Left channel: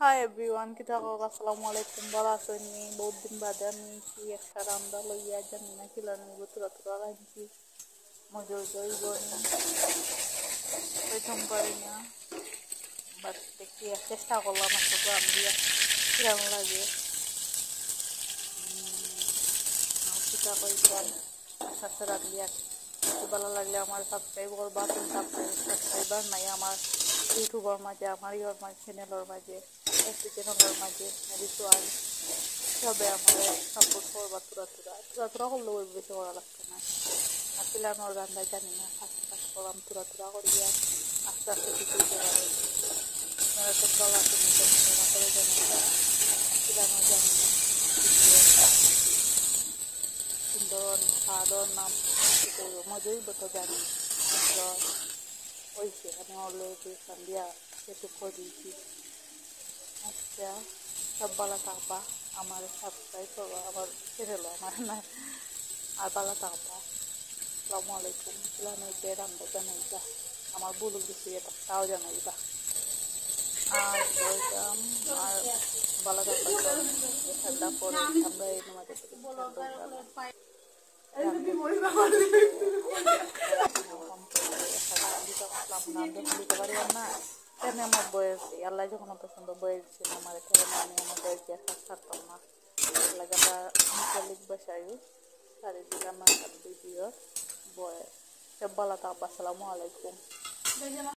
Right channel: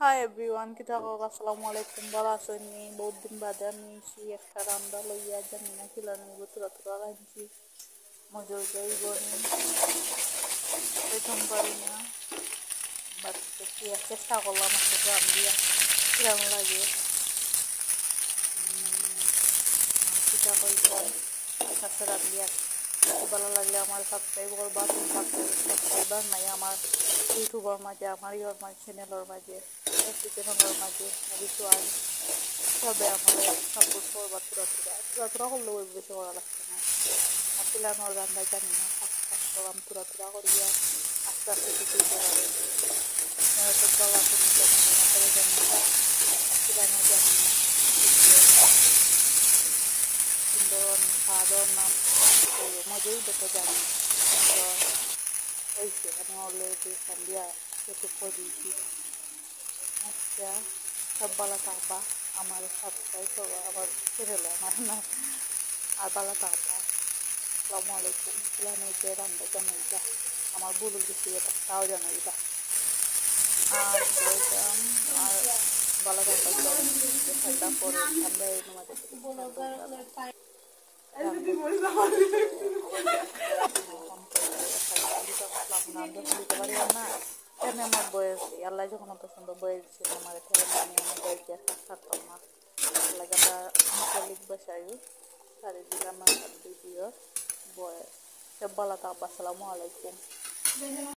hi everyone কি থাকো আসসালামু আলাইকুম ভালো আছেন নি বহুত দিন বাদে আমি একটা রান্না লইয়া জানি না কিলানো তুরা তুরা রাঁধছি মজা জৈব প্রথম পারি না বাট দেখি চেষ্টা করলাম একটা রান্ধিয়া কিরম লাগে পিঠা করলাম আস্তে আস্তে রান্ধিয়া ভালো লাগলে আমার সাবস্ক্রাইব করবা তুমি সাবস্ক্রাইবার নাই আমার ইউটিউবের মাঝে আমার চ্যানেলের মাঝে চ্যানেলের মাঝে কিছু আর সবে আমার সাপোর্ট করবা তুরা তুরা তুরা তুরা করলেও বেশি করা লাগছে না আর পিলানোর রান্না জানি না ফার্স্ট ফার্স্ট করলাম তুরা তুরা করিয়া আস্তে আস্তে কিছু দিতে পারে সব গলা তুমি কেমন করে জানি না পিলানো জানি না সুন্দর খাওয়া নাম মজাই দেখো জানি হয়েছে আমি অলরেডি সন্ধ্যা একটু করে দিয়েছি আচ্ছা সব ভালো থাকবা আমার সাবস্ক্রাইব করবা আমার চ্যানেলে আমার না আর ভালো থাকবা আসসালামু আলাইকুম পিলানো যে রান্না জানাইবা আমার ভুল গেছি এটা তাও জানাইবা আর বলতাম আর ভালো থাকবা ঠান্ডা পরে আমরা এই আমাদের দিতে পারি না তেমনি আমার বয়স আল্লাহ যখন অত সুন্দর বয়স ছিল আমার আমি আমার বয়সে থাকতাম না লাগে আমরা আঞ্চলিক ভাষায় সারি দিলাম ভিডিও বয়স সব ভালো থাকবা আসসালামু আলাইকুম